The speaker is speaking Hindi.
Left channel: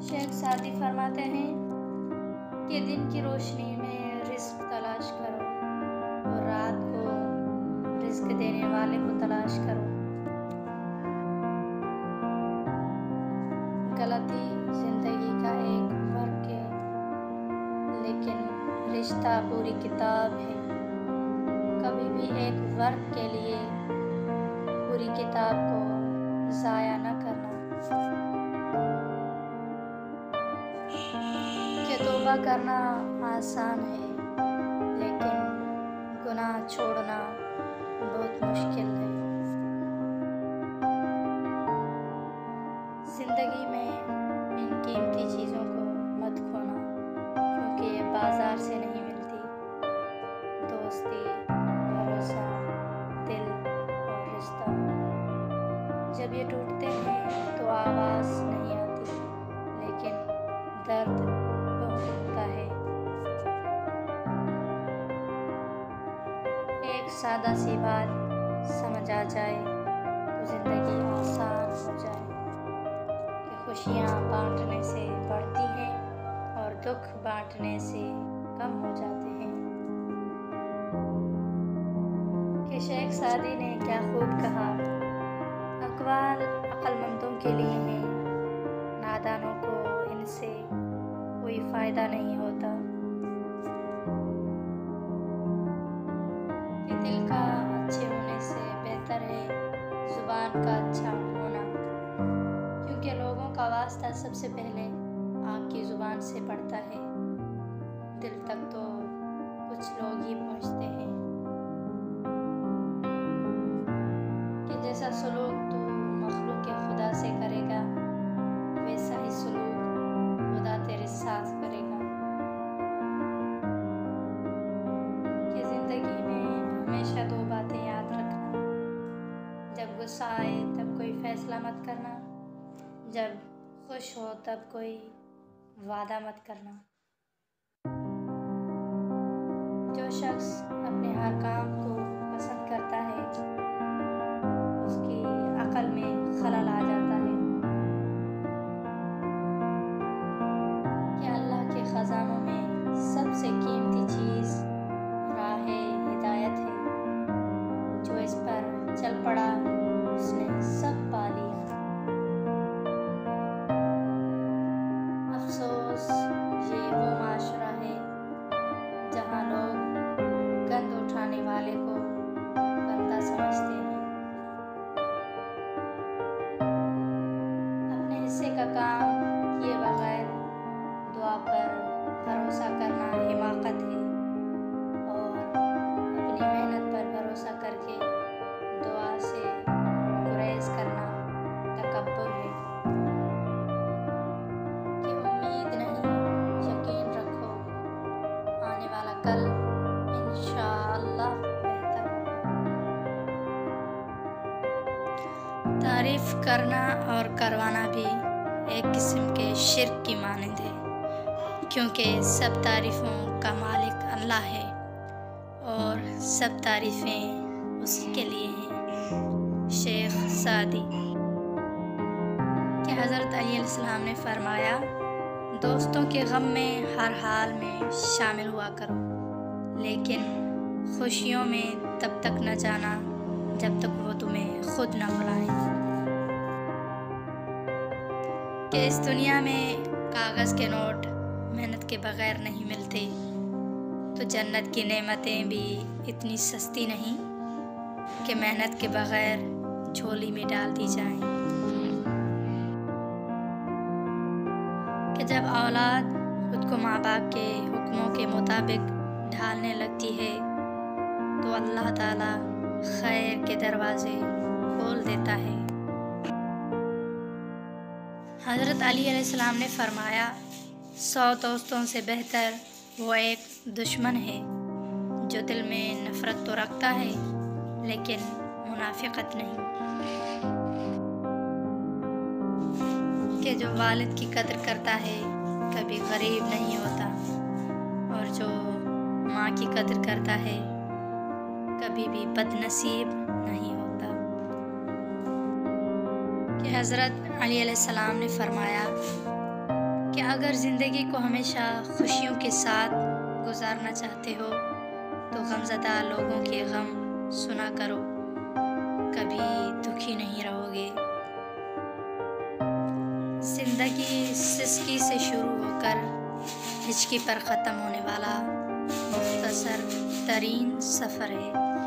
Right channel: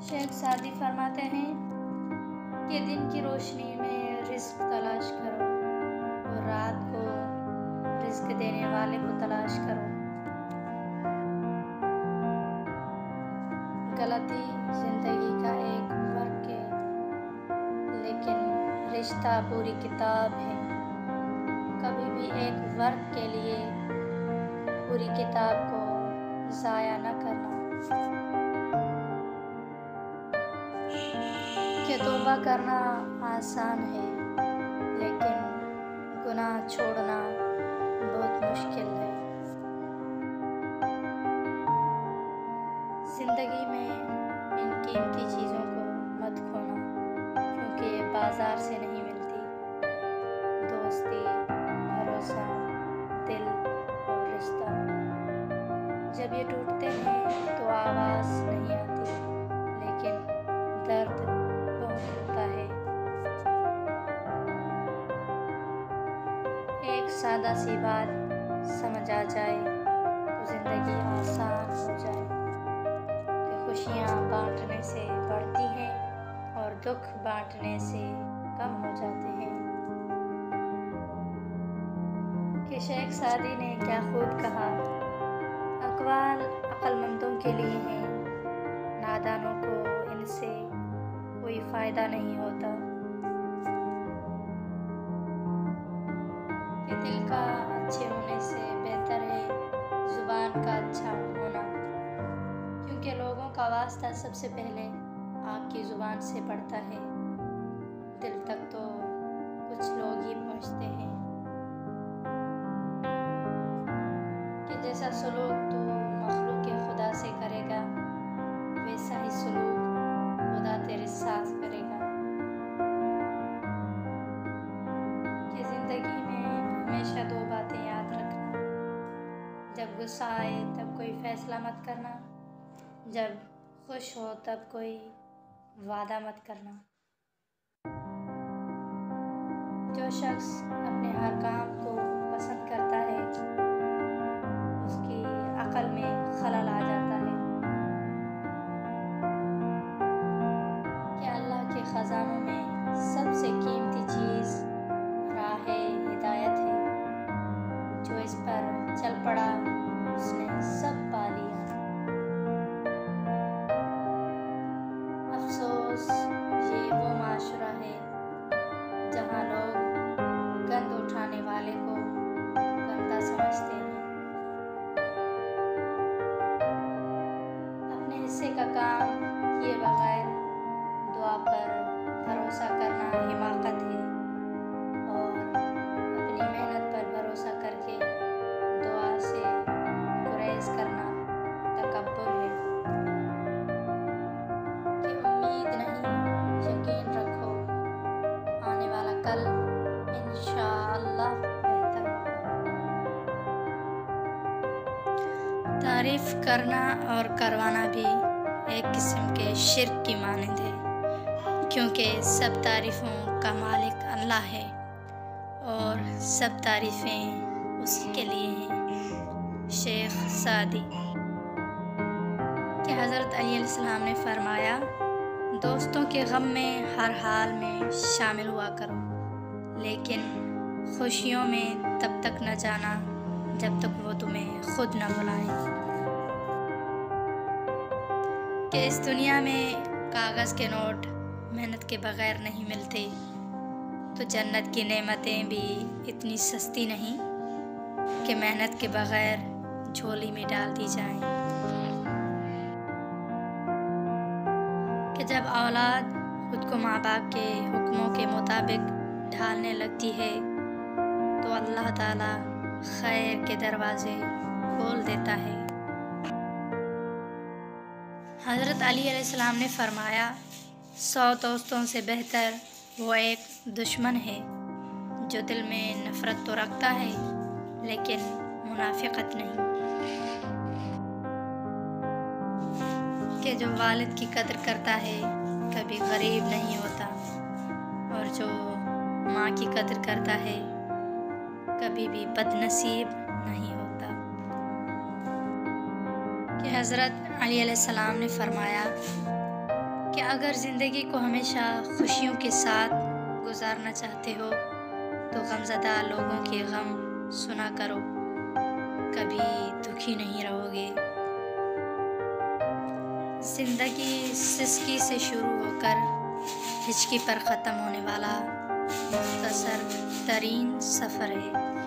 शेख सादी फरमाते हैं कि दिन की रोशनी में रिस्क तलाश करो और रात को रिस्क देने वाले को तलाश करो। गलती जिंदगी का एक वर्क है, लेकिन रिश्ता पूरी किताब है। कभी भी एक वर्क के लिए पूरी किताब को ज़ाया न करना। कि तौबा करना आसान है, लेकिन गुनाह छोड़ना बहुत मुश्किल है। ज़िंदगी में इन कीमती चीज़ों को मत खोना, क्योंकि ये बाज़ार से नहीं मिलती। दोस्ती, भरोसा, दिल और रिश्ता जब ये टूटते हैं तो आवाज़ नहीं आती, लेकिन दर्द बहुत होता है। एक सादा सी बात समझ आ जाए तो ज़िंदगी आसान हो जाए कि खुशियाँ बांटने से बढ़ती हैं और दुख बांटने से कम हो जाते हैं। कि शेख सादी ने क्या खूब कहा, अक़वाल अक्लमंदों के लिए हैं, नादानों को इनसे कोई फ़ायदा नहीं होता। कि दिल का अच्छे होने से बेहतर है ज़ुबान का अच्छा होना, क्योंकि लोगों का वास्ता सबसे पहले आपकी ज़ुबान से पड़ता है। दिल तक तो कुछ लोग ही पहुँचते हैं। कि जैसा सलूक तू मखलूक खुदा से करेगा, वैसा ही सलूक खुदा तेरे साथ करेगा। कि ज़िंदगी में हमेशा दो बातें याद रखना, जब गुस्सा आए तब कोई फ़ैसला मत करना, जब खुश हो तब कोई वादा मत करना। जो शख्स अपने हर काम को पसंद करता है, उसकी अक़ल में खलल आ जाता है। कि अल्लाह के ख़ज़ानों में सबसे कीमती चीज़ राह हिदायत है। जो इस पर चल पड़ा उसने सब पा लिया। अफ़सोस ये वो माशरा है जहाँ लोग गंद उठाने वाले को गंदा समझते हैं। अपने हिस्से का काम किए बगैर दुआ पर भरोसा करना हिमाकत है, और अपनी मेहनत पर भरोसा करके दुआ से गुरेज करना तकब्बुर है। कि उम्मीद नहीं, यकीन रखो, आने वाला कल इंशाअल्लाह बेहतर होगा। तारीफ़ करना और करवाना भी एक किस्म के शिर्क की मानंद है, क्योंकि सब तारीफ़ों का मालिक अल्लाह है और सब तारीफ़ें उसी के लिए हैं। शेख सादी। कि हज़रत अली अलैहिस्सलाम ने फरमाया, दोस्तों के गम में हर हाल में शामिल हुआ करो, लेकिन खुशियों में तब तक न जाना जब तक वो तुम्हें खुद न बुलाएं। कि इस दुनिया में कागज़ के नोट मेहनत के बगैर नहीं मिलते, तो जन्नत की नेमतें भी इतनी सस्ती नहीं कि मेहनत के बगैर झोली में डाल दी जाएं। कि जब औलाद खुद को माँ बाप के हुक्मों के मुताबिक ढालने लगती है, तो अल्लाह ताला खैर के दरवाज़े खोल देता है। हज़रत अली अलैहिस्सलाम ने फरमाया, 100 दोस्तों से बेहतर वो एक दुश्मन है जो दिल में नफ़रत तो रखता है लेकिन मुनाफ़िक़त नहीं। कि जो वालिद की कदर करता है कभी गरीब नहीं होता, और जो माँ की कदर करता है कभी भी बदनसीब नहीं होता। कि हज़रत अली अलैहिस्सलाम ने फरमाया, कि अगर ज़िंदगी को हमेशा खुशियों के साथ गुजारना चाहते हो तो गमज़दा लोगों के गम सुना करो, कभी दुखी नहीं रहोगे। ज़िंदगी सिसकी से शुरू होकर हिचकी पर ख़त्म होने वाला मुख्तसर तरीन सफ़र है।